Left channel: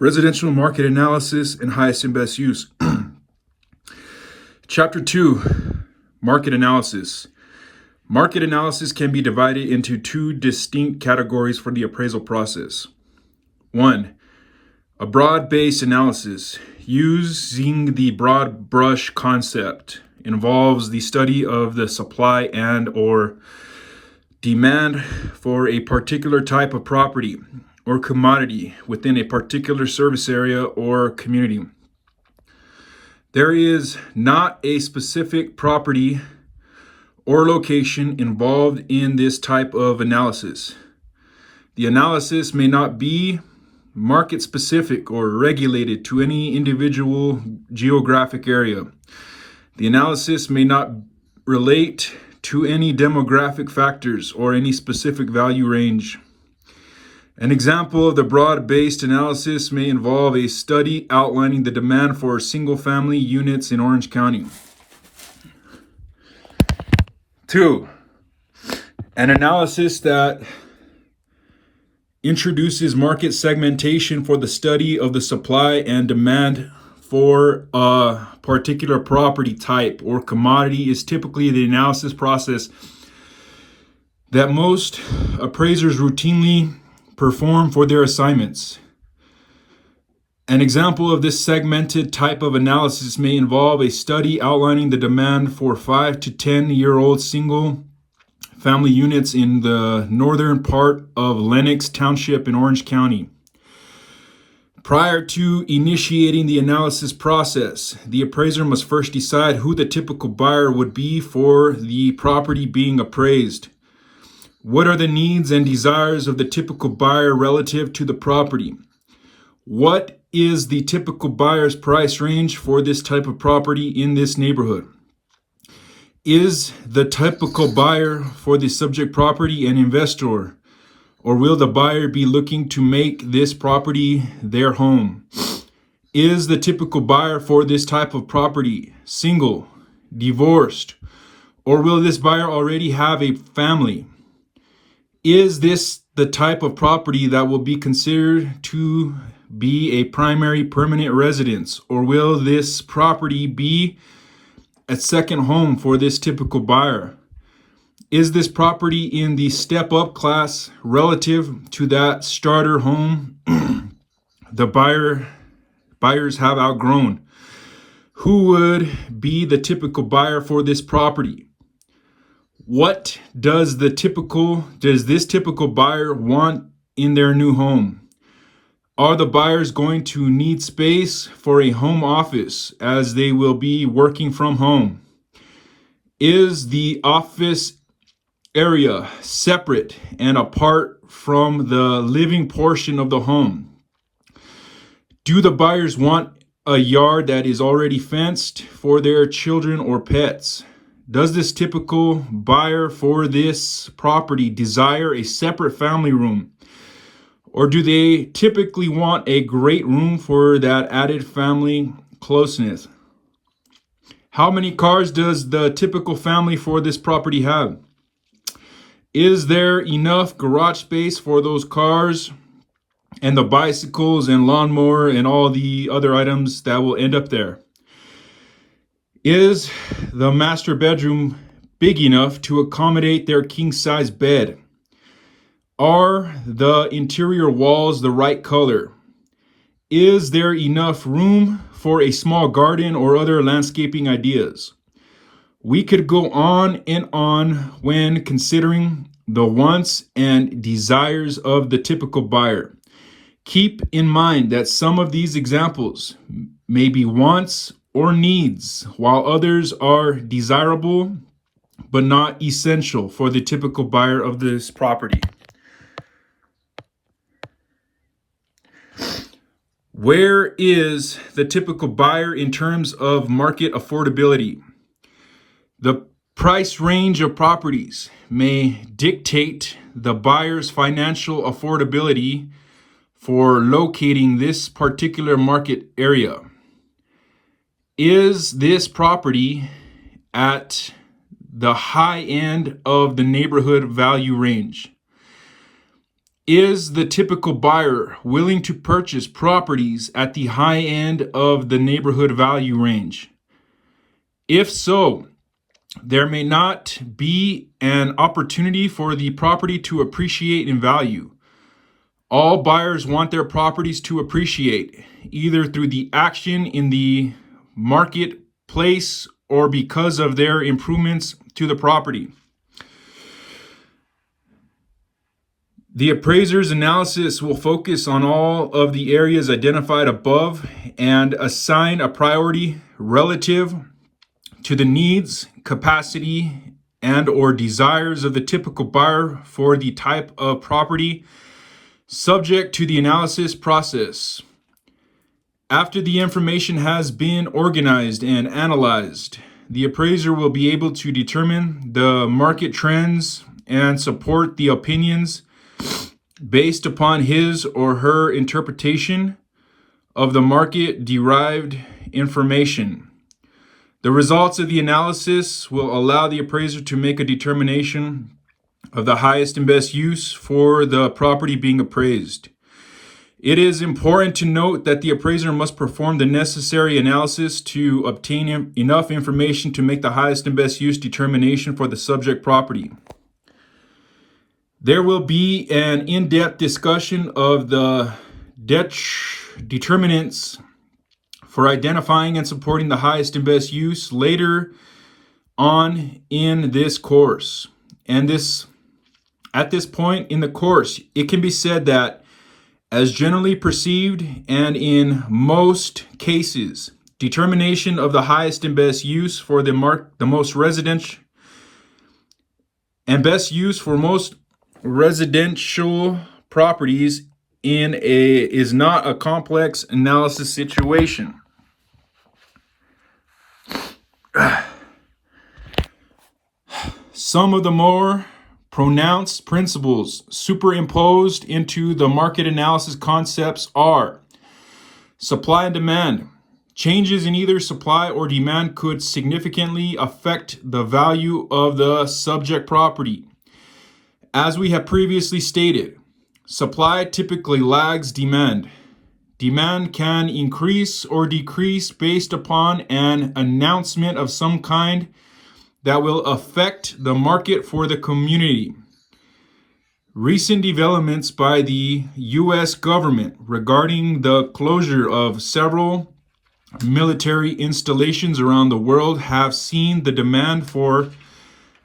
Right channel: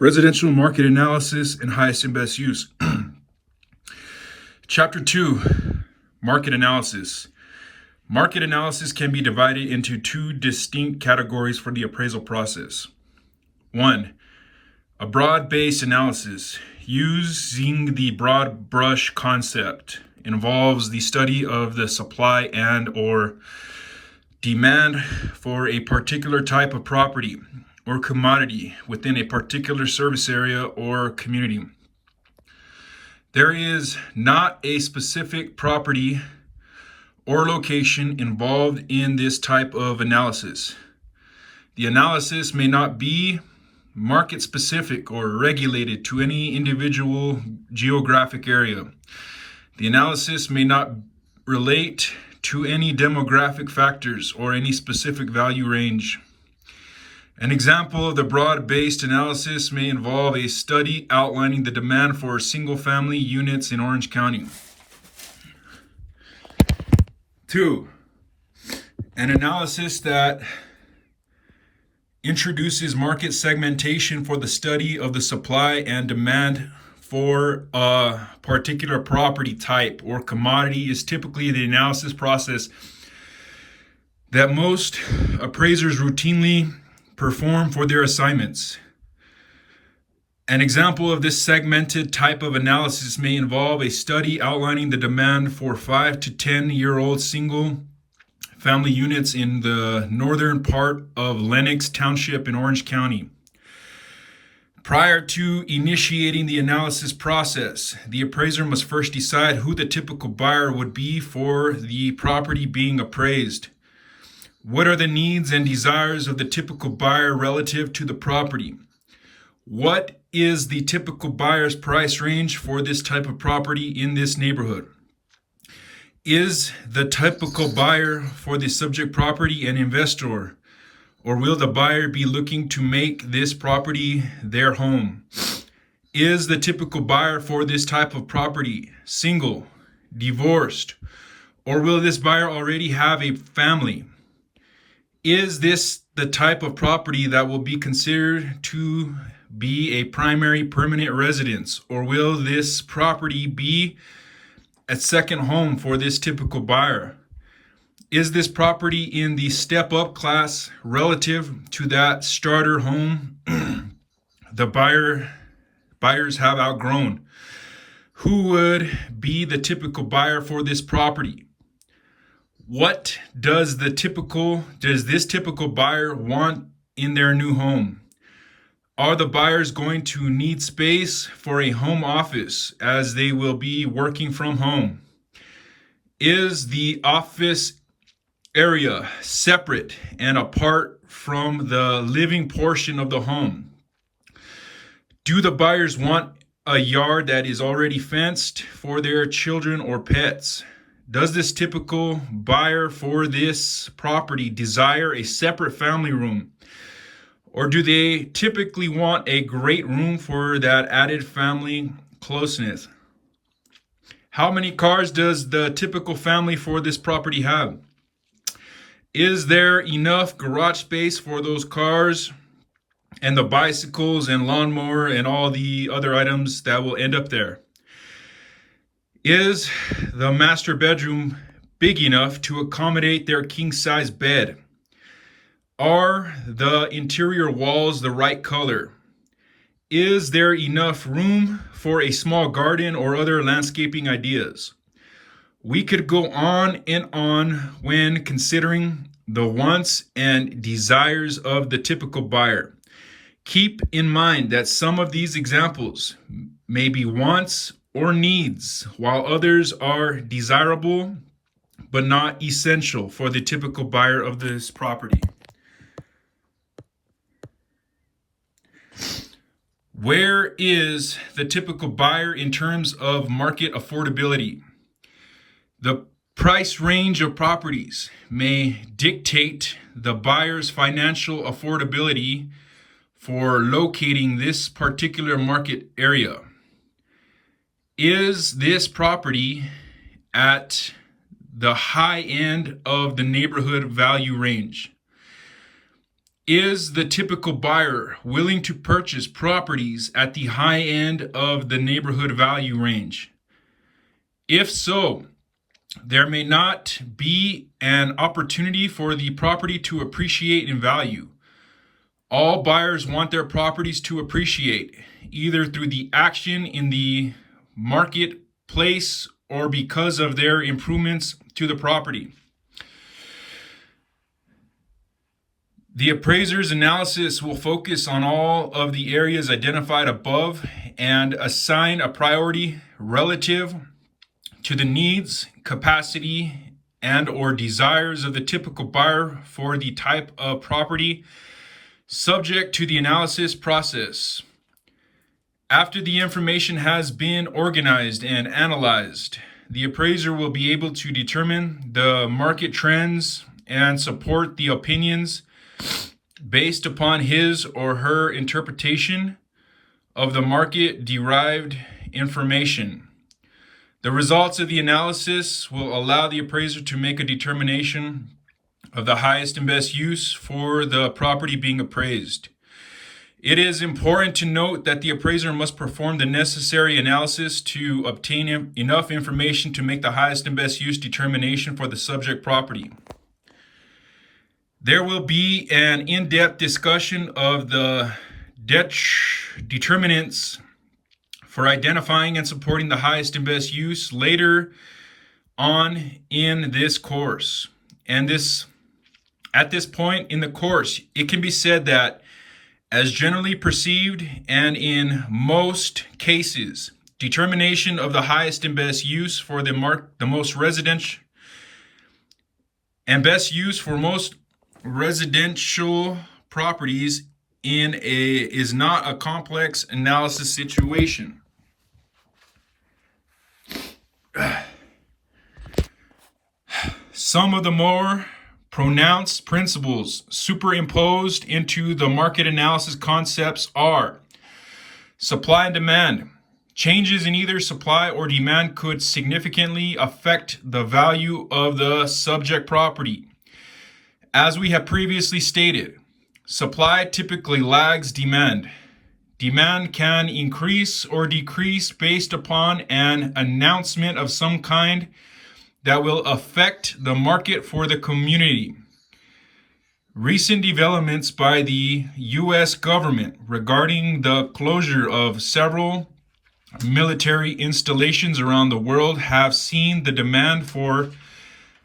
Residential market analysis and highest and best use. Chapter 2, market analysis. Market analysis can be divided into two distinct categories for the appraisal process. 1, a broad-based analysis. Using the broad brush concept involves the study of the supply and or demand for a particular type of property or commodity within a particular service area or community. There is not a specific property or location involved in this type of analysis. The analysis may not be market specific or regulated to any individual geographic area. The analysis may not relate to any demographic factors or any specific value range. An example of the broad-based analysis may involve a study outlining the demand for single-family units in Orange County. 2, an analysis that introduces market segmentation for the study of the supply and demand for a particular property type or commodity is typically the analysis process that most appraisers routinely perform for their assignments. An example of this segmented type of analysis may involve a study outlining the demand for 5 to 10-year-old single family units in the northern part of Lenox Township in Orange County. Prior to initiating the analysis process, the appraiser must first decide who the typical buyer would be for the property being appraised. What are the needs and desires of the typical buyer relative to the property? What is the typical buyer's price range for this type of property in this neighborhood? Is the typical buyer for the subject property an investor, or will the buyer be looking to make this property their home? Is the typical buyer for this type of property single, divorced, or will this buyer already have a family? Is this the type of property that will be considered to be a primary permanent residence, or will this property be a second home for this typical buyer? Is this property in the step-up class relative to that starter home the buyers have outgrown? Who would be the typical buyer for this property? What does this typical buyer want in their new home? Are the buyers going to need space for a home office as they will be working from home? Is the office area separate and apart from the living portion of the home? Do the buyers want a yard that is already fenced for their children or pets? Does this typical buyer for this property desire a separate family room? Or do they typically want a great room for that added family closeness? How many cars does the typical family for this property have? Is there enough garage space for those cars and the bicycles and lawnmower and all the other items that will end up there? Is the master bedroom big enough to accommodate their king-size bed? Are the interior walls the right color? Is there enough room for a small garden or other landscaping ideas? We could go on and on when considering the wants and desires of the typical buyer. Keep in mind that some of these examples may be wants or needs, while others are desirable but not essential for the typical buyer of this property. Where is the typical buyer in terms of market affordability? The price range of properties may dictate the buyer's financial affordability for locating this particular market area. Is this property at the high end of the neighborhood value range? Is the typical buyer willing to purchase properties at the high end of the neighborhood value range? If so, there may not be an opportunity for the property to appreciate in value. All buyers want their properties to appreciate, either through the action in the marketplace or because of their improvements to the property. The appraiser's analysis will focus on all of the areas identified above and assign a priority relative to the needs, capacity, and or desires of the typical buyer for the type of property subject to the analysis process. After the information has been organized and analyzed, the appraiser will be able to determine the market trends and support the opinions based upon his or her interpretation of the market-derived information. The results of the analysis will allow the appraiser to make a determination of the highest and best use for the property being appraised. It is important to note that the appraiser must perform the necessary analysis to obtain enough information to make the highest and best use determination for the subject property. There will be an in-depth discussion of the determinants for identifying and supporting the highest and best use later on in this course. And at this point in the course, it can be said that, as generally perceived and in most cases, determination of the highest and best use for the most residential and best use for most residential properties is not a complex analysis situation. Some of the more pronounced principles superimposed into the market analysis concepts are supply and demand. Changes in either supply or demand could significantly affect the value of the subject property. As we have previously stated, supply typically lags demand. Demand can increase or decrease based upon an announcement of some kind that will affect the market for the community. Recent developments by the U.S. government regarding the closure of several military installations around the world have seen the demand for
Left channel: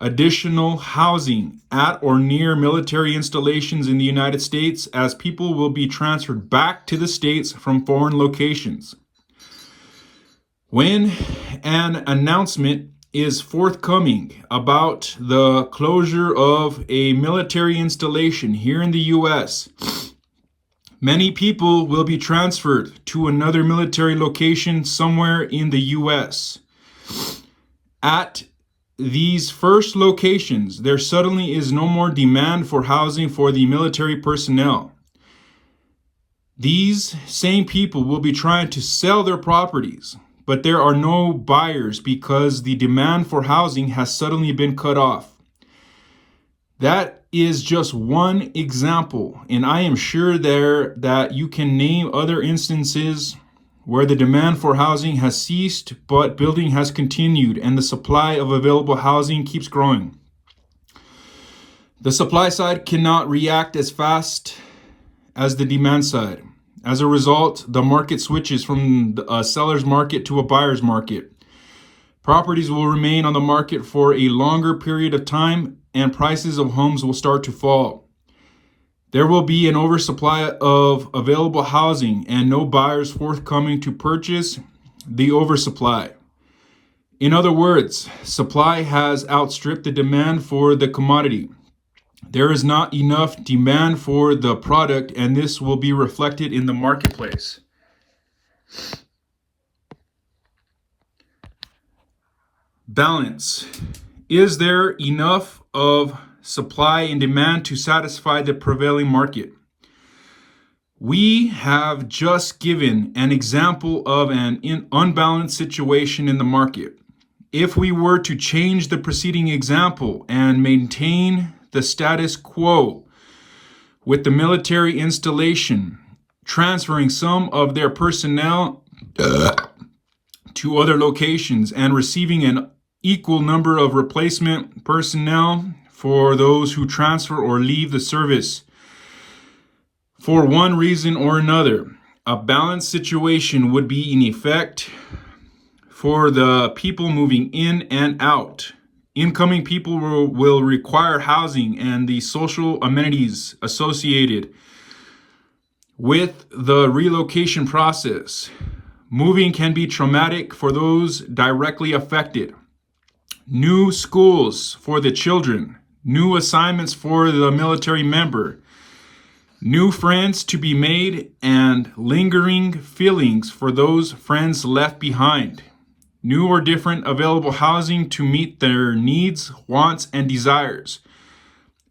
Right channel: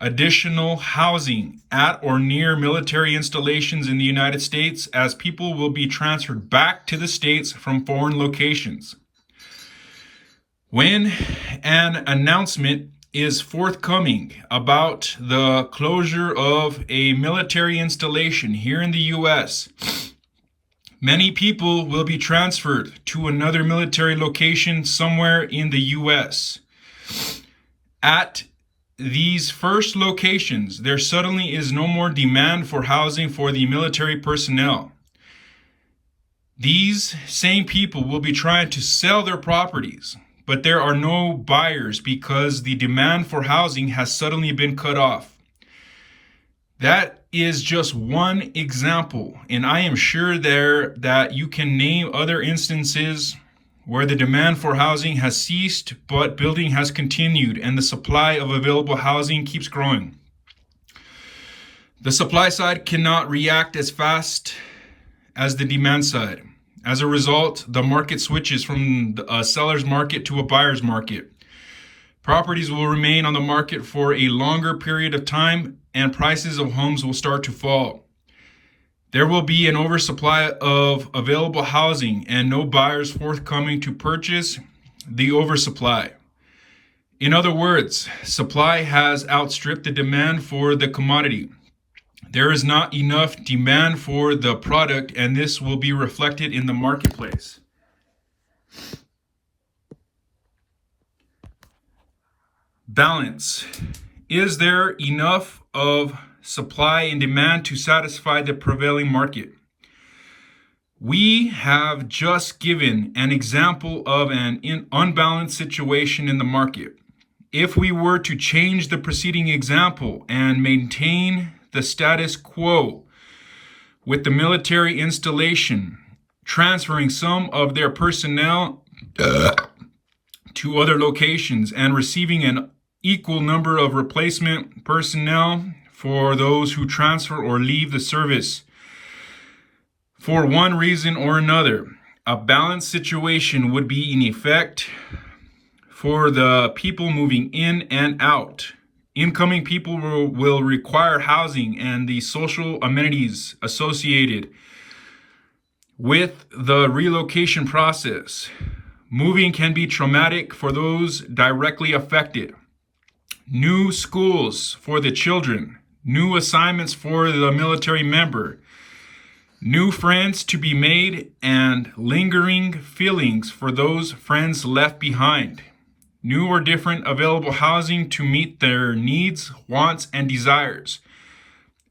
additional housing at or near military installations in the United States as people will be transferred back to the States from foreign locations. When an announcement is forthcoming about the closure of a military installation here in the U.S., many people will be transferred to another military location somewhere in the U.S. At these first locations, there suddenly is no more demand for housing for the military personnel. These same people will be trying to sell their properties, but there are no buyers because the demand for housing has suddenly been cut off. That is just one example, and I am sure that you can name other instances where the demand for housing has ceased, but building has continued, and the supply of available housing keeps growing. The supply side cannot react as fast as the demand side. As a result, the market switches from a seller's market to a buyer's market. Properties will remain on the market for a longer period of time, and prices of homes will start to fall. There will be an oversupply of available housing and no buyers forthcoming to purchase the oversupply. In other words, supply has outstripped the demand for the commodity. There is not enough demand for the product, and this will be reflected in the marketplace. Balance. Is there enough of supply and demand to satisfy the prevailing market? We have just given an example of an unbalanced situation in the market. If we were to change the preceding example and maintain the status quo, with the military installation transferring some of their personnel to other locations and receiving an equal number of replacement personnel for those who transfer or leave the service for one reason or another. A balanced situation would be in effect for the people moving in and out. Incoming people will require housing and the social amenities associated with the relocation process. Moving can be traumatic for those directly affected. New schools for the children, new assignments for the military member, new friends to be made, and lingering feelings for those friends left behind. New or different available housing to meet their needs, wants, and desires.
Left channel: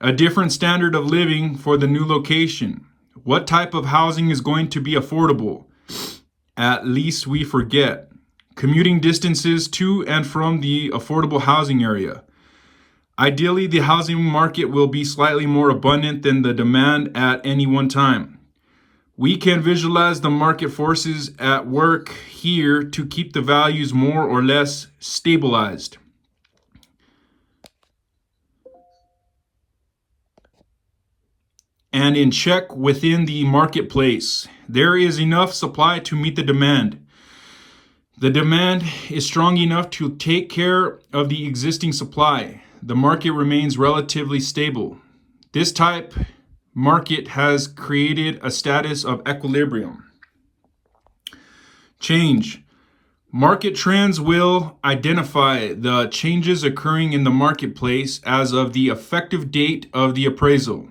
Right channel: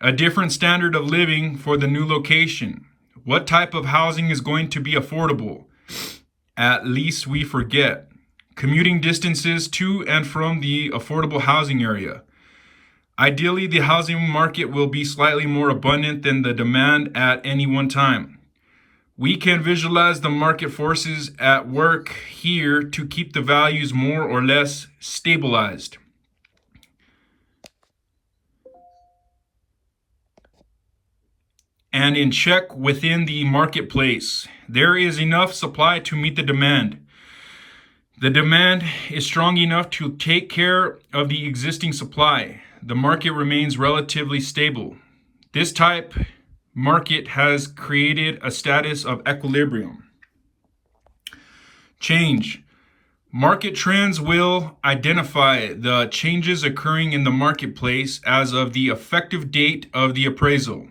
A different standard of living for the new location. What type of housing is going to be affordable? At least we forget. Commuting distances to and from the affordable housing area. Ideally, the housing market will be slightly more abundant than the demand at any one time. We can visualize the market forces at work here to keep the values more or less stabilized. And in check within the marketplace. There is enough supply to meet the demand. The demand is strong enough to take care of the existing supply. The market remains relatively stable. This type market has created a status of equilibrium. Change. Market trends will identify the changes occurring in the marketplace as of the effective date of the appraisal.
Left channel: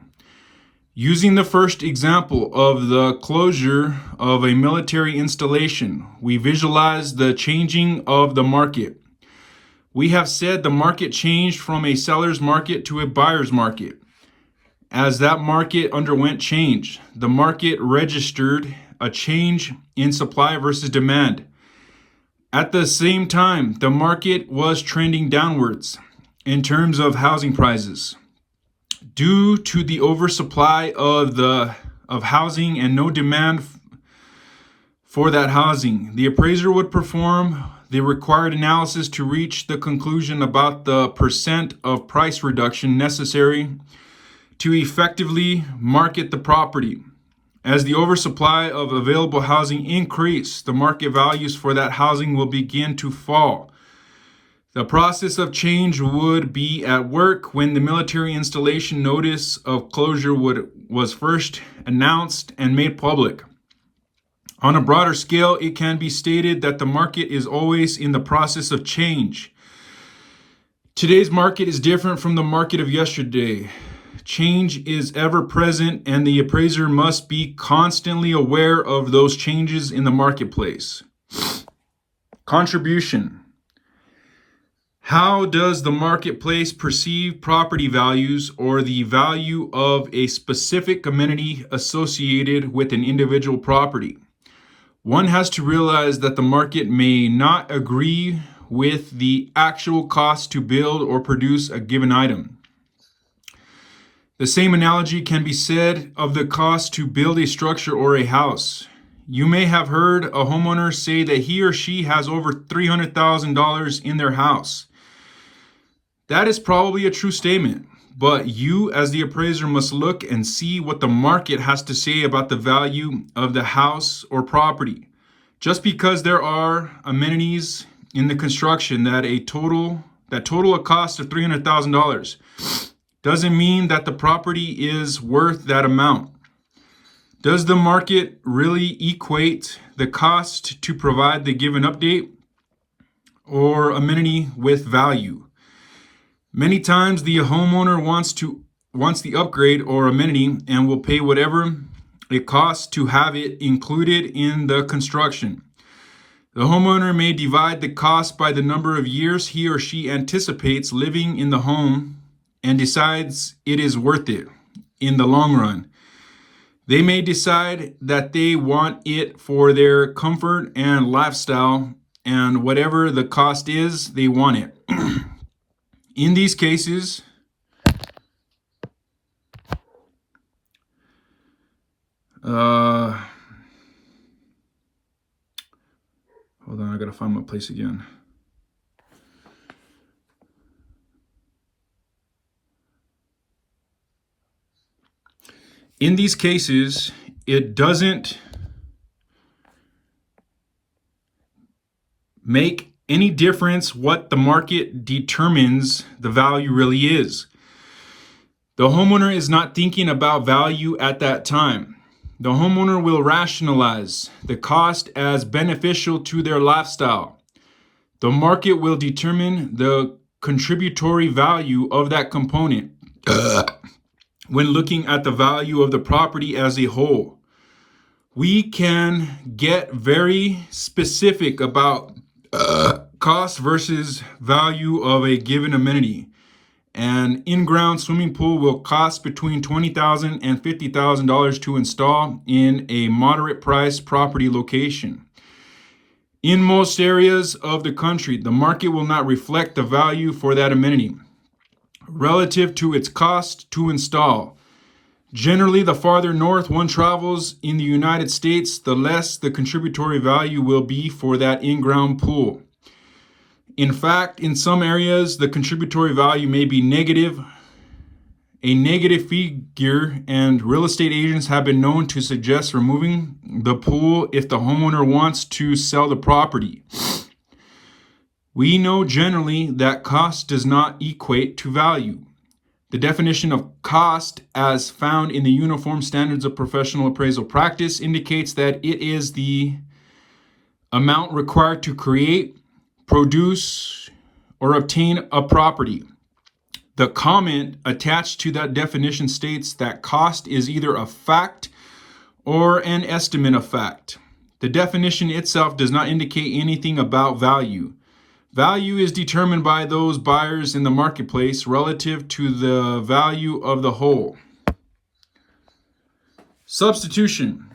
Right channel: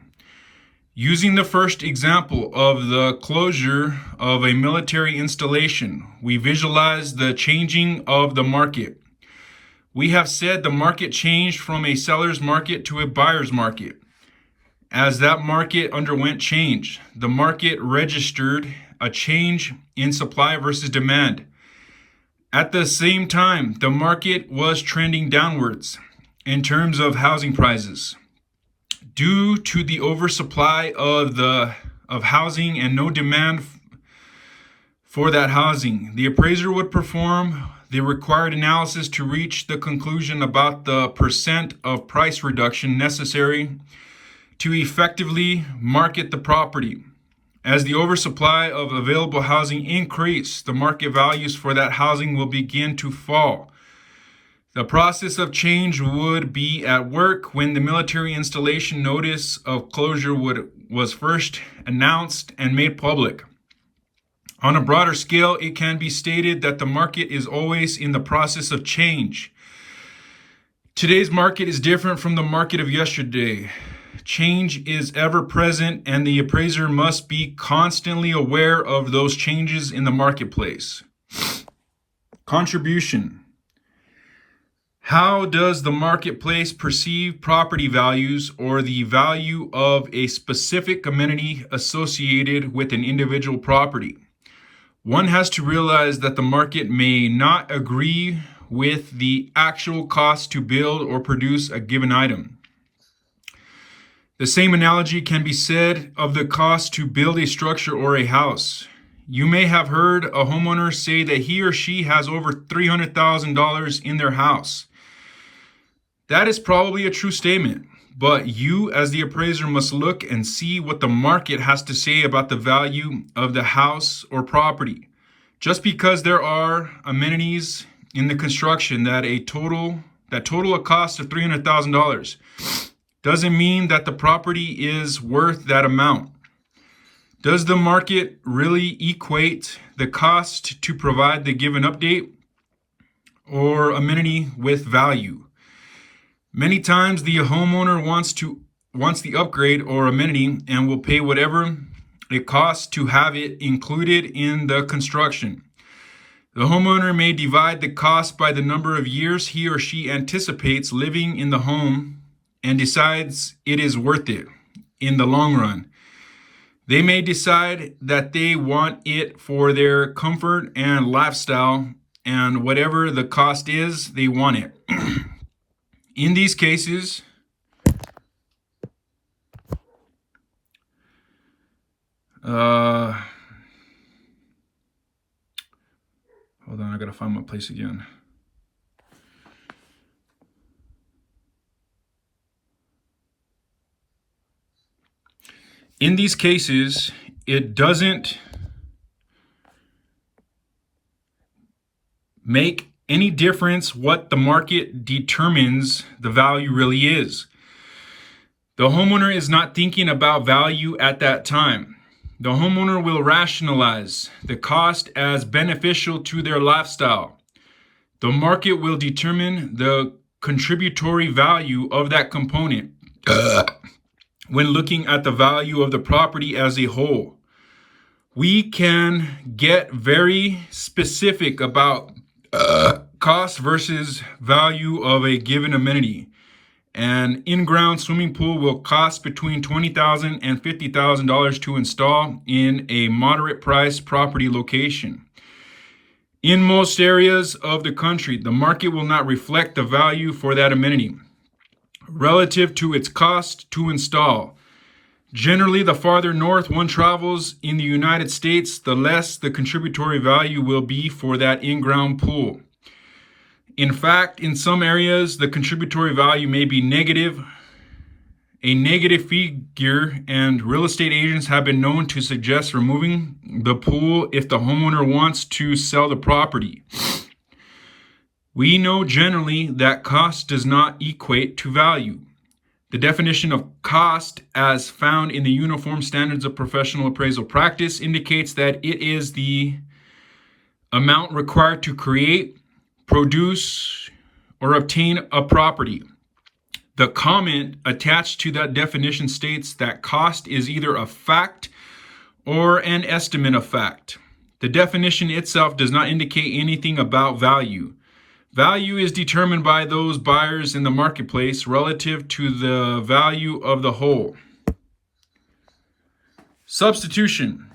Using the first example of the closure of a military installation, we visualize the changing of the market. We have said the market changed from a seller's market to a buyer's market. As that market underwent change, the market registered a change in supply versus demand. At the same time, the market was trending downwards in terms of housing prices. Due to the oversupply of housing and no demand for that housing, the appraiser would perform the required analysis to reach the conclusion about the percent of price reduction necessary to effectively market the property. As the oversupply of available housing increase, the market values for that housing will begin to fall. The process of change would be at work when the military installation notice of closure was first announced and made public. On a broader scale, it can be stated that the market is always in the process of change. Today's market is different from the market of yesterday. Change is ever present, and the appraiser must be constantly aware of those changes in the marketplace. Contribution. How does the marketplace perceive property values or the value of a specific amenity associated with an individual property? One has to realize that the market may not agree with the actual cost to build or produce a given item. The same analogy can be said of the cost to build a structure or a house. You may have heard a homeowner say that he or she has over $300,000 in their house. That is probably a true statement, but you as the appraiser must look and see what the market has to say about the value of the house or property. Just because there are amenities in the construction that total a cost of $300,000 doesn't mean that the property is worth that amount. Does the market really equate the cost to provide the given update or amenity with value? Many times the homeowner wants the upgrade or amenity and will pay whatever it costs to have it included in the construction. The homeowner may divide the cost by the number of years he or she anticipates living in the home and decides it is worth it in the long run. They may decide that they want it for their comfort and lifestyle, and whatever the cost is, they want it. In these cases, Hold on, I gotta find my place again. In these cases, it doesn't make any difference what the market determines the value really is. The homeowner is not thinking about value at that time. The homeowner will rationalize the cost as beneficial to their lifestyle. The market will determine the contributory value of that component when looking at the value of the property as a whole. We can get very specific about cost versus value of a given amenity. An in-ground swimming pool will cost between $20,000 and $50,000 to install in a moderate-priced property location. In most areas of the country, the market will not reflect the value for that amenity relative to its cost to install. Generally, the farther north one travels in the United States, the less the contributory value will be for that in-ground pool. In fact, in some areas, the contributory value may be negative, a negative figure, and real estate agents have been known to suggest removing the pool if the homeowner wants to sell the property. We know generally that cost does not equate to value. The definition of cost, as found in the Uniform Standards of Professional Appraisal Practice, indicates that it is the amount required to create, produce, or obtain a property. The comment attached to that definition states that cost is either a fact or an estimate of fact. The definition itself does not indicate anything about value. Value is determined by those buyers in the marketplace relative to the value of the whole. Substitution.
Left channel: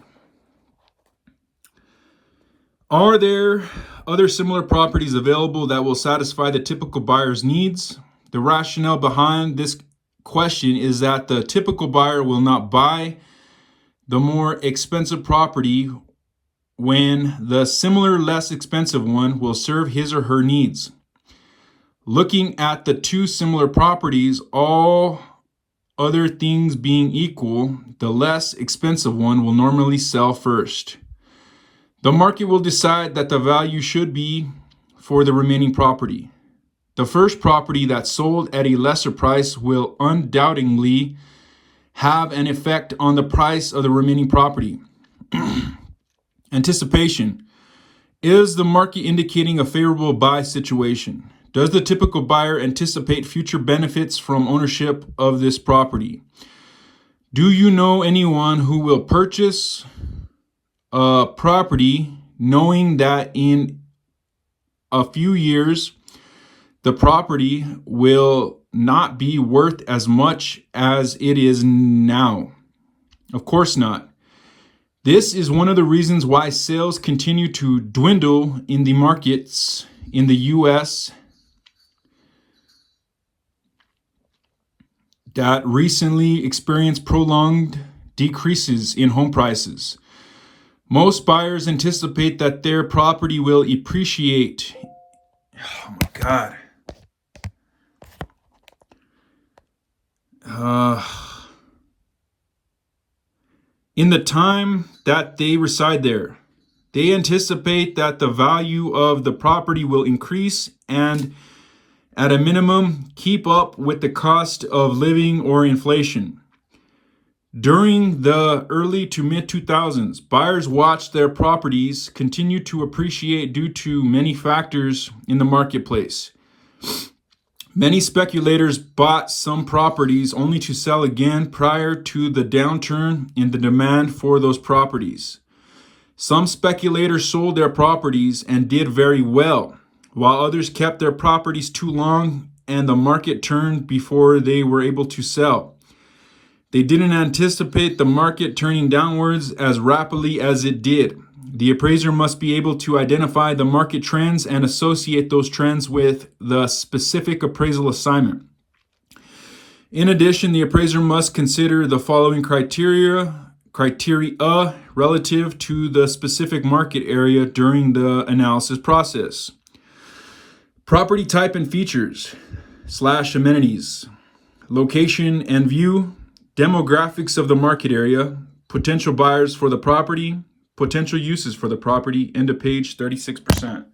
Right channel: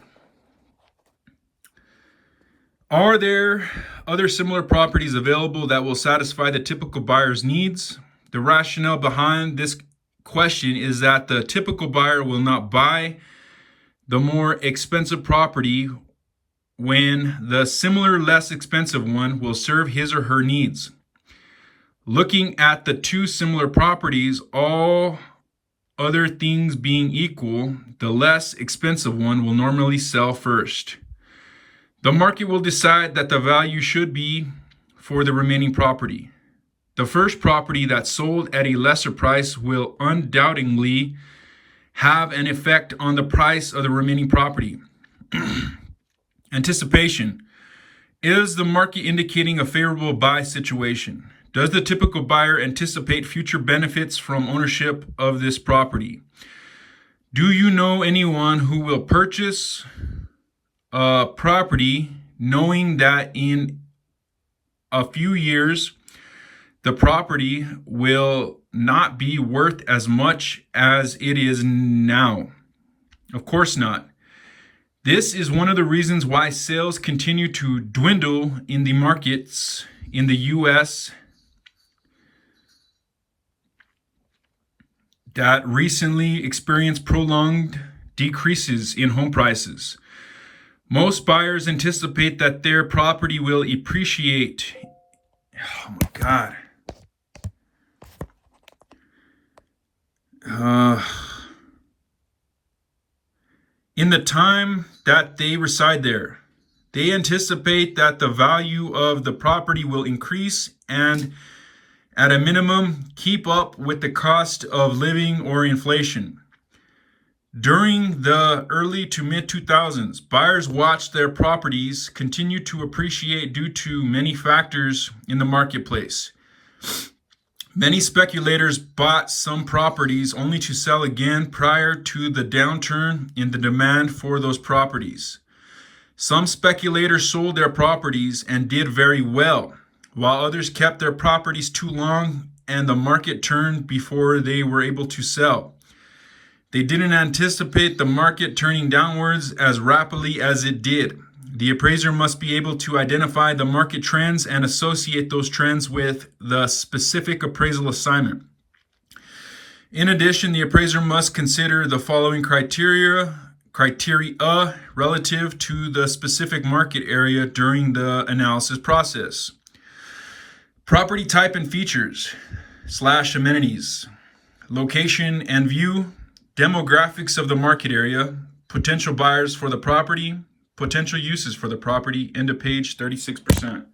Are there other similar properties available that will satisfy the typical buyer's needs? The rationale behind this question is that the typical buyer will not buy the more expensive property when the similar, less expensive one will serve his or her needs. Looking at the two similar properties, all other things being equal, the less expensive one will normally sell first. The market will decide that the value should be for the remaining property. The first property that sold at a lesser price will undoubtedly have an effect on the price of the remaining property. Anticipation. Is the market indicating a favorable buy situation? Does the typical buyer anticipate future benefits from ownership of this property? Do you know anyone who will purchase a property knowing that in a few years the property will not be worth as much as it is now? Of course not. This is one of the reasons why sales continue to dwindle in the markets in the U.S. that recently experienced prolonged decreases in home prices. Most buyers anticipate that their property will appreciate. Oh my God. In the time that they reside there. They anticipate that the value of the property will increase and, at a minimum, keep up with the cost of living or inflation. During the early to mid-2000s, buyers watched their properties continue to appreciate due to many factors in the marketplace. Many speculators bought some properties only to sell again prior to the downturn in the demand for those properties. Some speculators sold their properties and did very well, while others kept their properties too long and the market turned before they were able to sell. They didn't anticipate the market turning downwards as rapidly as it did. The appraiser must be able to identify the market trends and associate those trends with the specific appraisal assignment. In addition, the appraiser must consider the following criteria: criteria relative to the specific market area during the analysis process. Property type and features / amenities, location and view, demographics of the market area, potential buyers for the property, potential uses for the property, end of page 36%.